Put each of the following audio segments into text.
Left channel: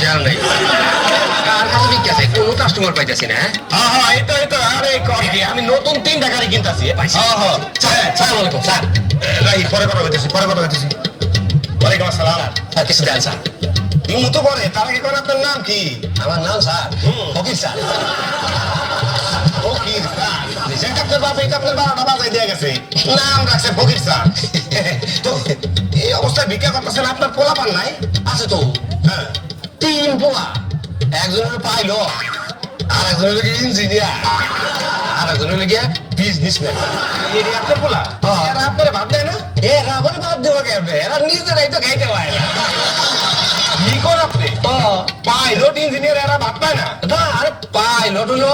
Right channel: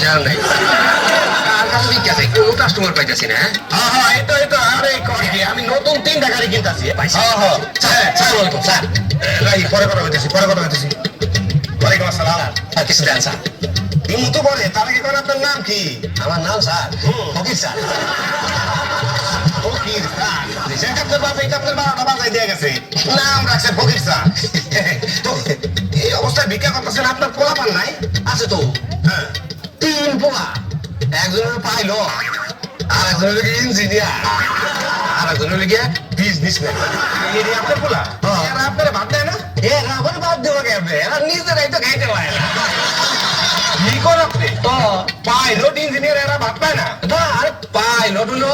পয়সা নেই আর আমি কি আছে কোনো কাস্টমার পাইতাছি না হ্যাঁ এই তো আরে কই কি আমি নতুন 3টা গাড়ি কিনতাছি হ্যাঁ সালাম আলাইকুম স্যার এই পরে কথা হইতেছি ওয়ালাইকুম আসসালাম স্যার কিছু দেন স্যার তুমি তো বলে তার আগে করে আপনার নাম কি আমার নাম স্যার ফকির স্যার ফকির স্যার যেটা আপনার বাবা এটা আপনার 12টা বাজায় দিয়ে গেছে নাম রাখছে ফকির স্যার তো এই অবস্থায় ভিক্ষা করতেছেন আপনার পোলা পান নাই আছে তো হ্যাঁ 3 পোলা একজন হলো পাইলট আর একজন হলো ইঞ্জিনিয়ার আর একজন হলো বিজনেসম্যান এই আপনার পোলা এরা আপনার ভাত দেয় না এরা আবার বাদ দেবো কেমনে এরা নিজেরাই তো খাইতে পারে না কি কর আপনি পাইলট ইঞ্জিনিয়ার এরা ভাত পায় না না আরে পাইলট হলো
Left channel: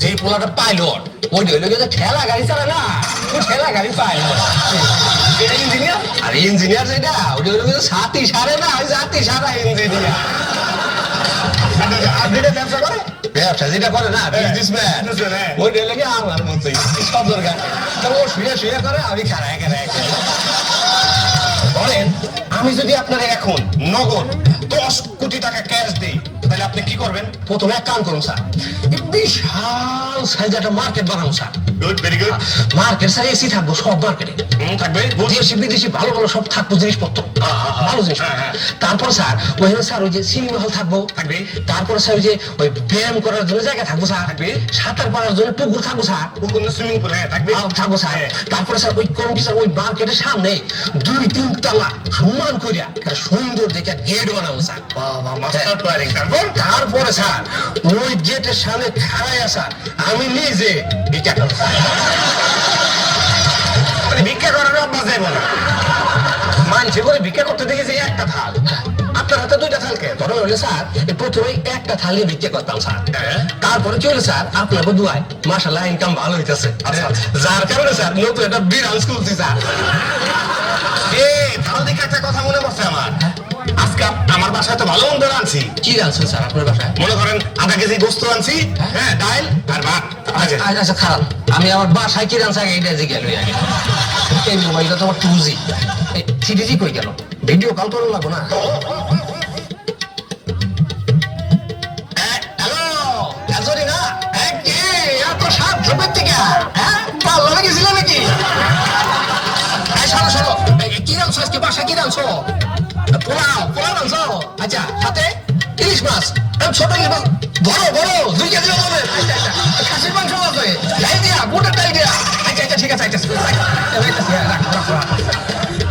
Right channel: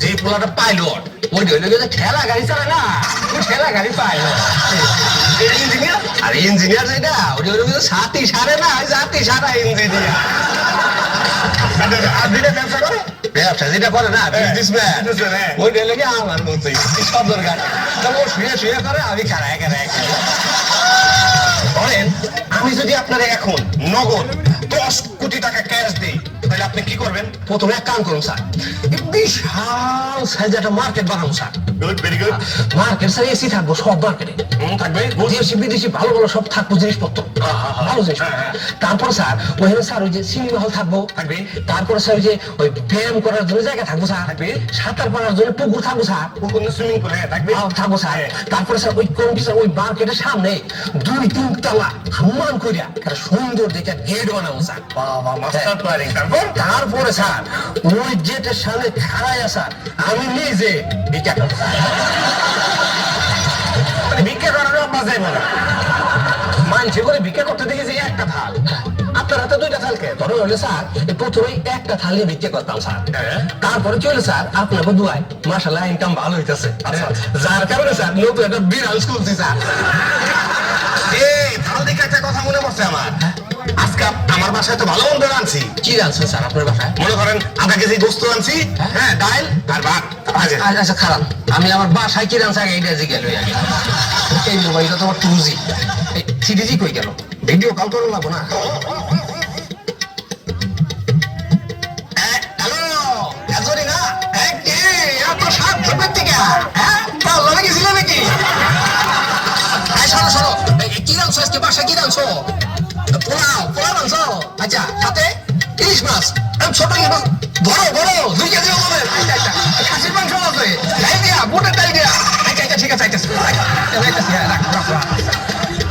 যে পোলাটা পাইলট ওইটা হলো যে ঠেলা গাড়ি চালায় না ওই ঠেলা গাড়ি পাইলট ইঞ্জিনিয়ার আর ইঞ্জিনিয়ার যেটা ওটা হলো সাথী সারে না ওই জাতি সারা ইঞ্জিনিয়ার আর যেটা ব্যবসা করে ব্যবসা যেটা করে না বিজনেসম্যান ওইটা হলো কি আমার মতোই সব দরকার তবে ও শুয়ে করে আমি খারাই বলেন আমি যদি আপনার এখন নগদ 10 কোটি টাকা ক্যাশ দিই তাহলে আপনি কি করবেন প্রথমে এক কাম করুন স্যার বিশাল সাইজ একটা মার্কেট বানাবো sir good very good market sir AC থাকবো সব মার্কেটে থাকবে দেশি বিদেশি ভালো ভালো সব থাকবো জিনিসপত্র ভালো জিনিস তারপর স্যার ওইখানে স্যার ওই যে সিনেমা হল থাকবো থাকবে তারপরে স্যার ওই যে ওই ব্যায়াম করার জন্য জায়গা থাকবো স্যার থাকবে সাঁতার পাড়ার জন্য পুকুর থাকবো স্যার পুকুর সুইমিং পুল থাকবে থাকবো স্যার তারপরে স্যার ওই কমিটি স্যার ওই মার্কেটের সামনে 2-3 তলা সমান করিয়া একটা সুন্দর দেখে গেট বানাবো স্যার বাবা মাস্টার প্ল্যানিং তারপরে স্যার ওই গেটের সামনে খাড়ায় স্যার আমি নিজে ভিক্ষা করবো ভিক্ষা করার মজাই বলে মানছে করে ভিক্ষা করতে দেখেছি একটা থাল আপনার হাতে 2টা থাল কে ধরো হলে স্যার প্রথমে একটা থালিয়ে ভিক্ষা করতাম স্যার তারপরে কি হলো স্যার আপনাকে দুয়ায় মাশাআল্লাহ ইনকাম ভালো হইতেছে যার কারণে স্যার নতুন একটা বিড়াল খুলছি স্যার এই থাল দেখে একটা কথা মনে পড়ছে আমার আজকে আমার বাসায় তো ভালো মন্দ আনছি কি আনছেন স্যার আপনার বাসায় মনে করেন আধা কেজি গোস্ত আনছি হ্যাঁ ডাল আর ভাত আচ্ছা খারাপ আমি আমার বাসায় কি রান্না আগে এটা জিজ্ঞেস লই আগে এই মোবাইলটা তো আমার 2G এই 3G কই গেল ভিডিও কল করে লাগবো না হ্যালো আজরি না কি এত সাপ ঝোপের থেকে হ্যাঁ কাল লাগে গেছিল নাকি শোনো কি রান্না আজকে বাসায় কি রান্না পোলাও রান্না আচ্ছা হাতে ইলিশ মাছ ছোট ইলিশ মাছ বড় 2 কেজি হবে খাসির মাংস আছে ডাল দিয়া গোটা ডাল দিয়া আচ্ছা ঠিক আছে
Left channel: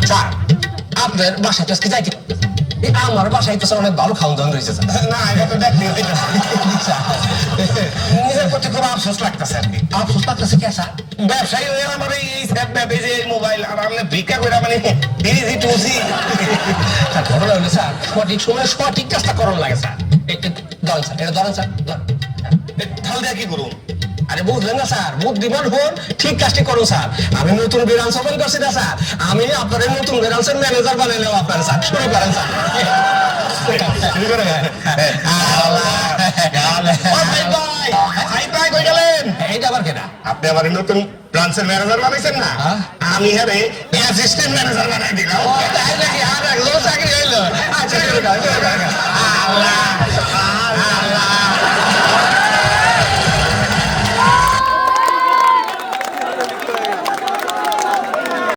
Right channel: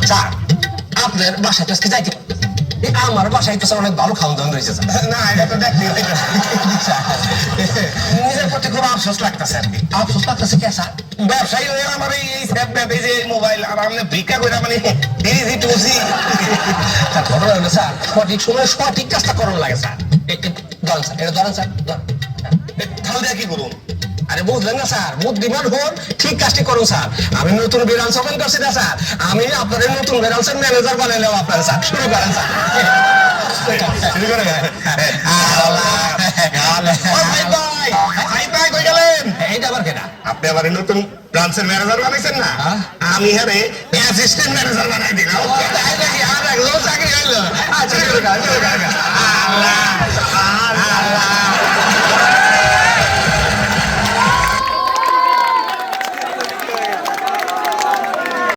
স্যার আপনার বাসায় তো আজকে যাইতে আমার বাসায় তো অনেক ভালো খাওয়া দাওয়া রয়েছে না এটা তো দেখতে নিজের প্রতি খুব আফসোস লাগতেছে আর কি আফসোস লাগতেছে কে স্যার ব্যবসায়ী হয়ে আমার এই স্যাপ ম্যাপ এই যে মোবাইল আর আমি ভিক্ষা করে মানে 3G 2G ঘটনা হলো স্যার সঠিক সময় সঠিক কাজটা করার লাগে স্যার একটু ধরেন স্যার এটা ধরেন স্যার তাহলে দেখি করুন আরে বুঝলেন না স্যার বুদ্ধিমান হন ঠিক কাজটি করুন স্যার আমি নতুন ব্রাঞ্চ ওপেন করছি না স্যার আমি আপনাদের নতুন ব্রাঞ্চের ম্যানেজার বানাইলাম আপনার স্যার শুরু করেন স্যার এইটা আবার কেনা আপনি আমার নতুন ব্রাঞ্চের ম্যানেজার বানাইছেন না আমি হ্যাঁ অ্যাসিস্ট্যান্ট ম্যানেজার বানাই দিলাম চাকরি হইলো আচ্ছা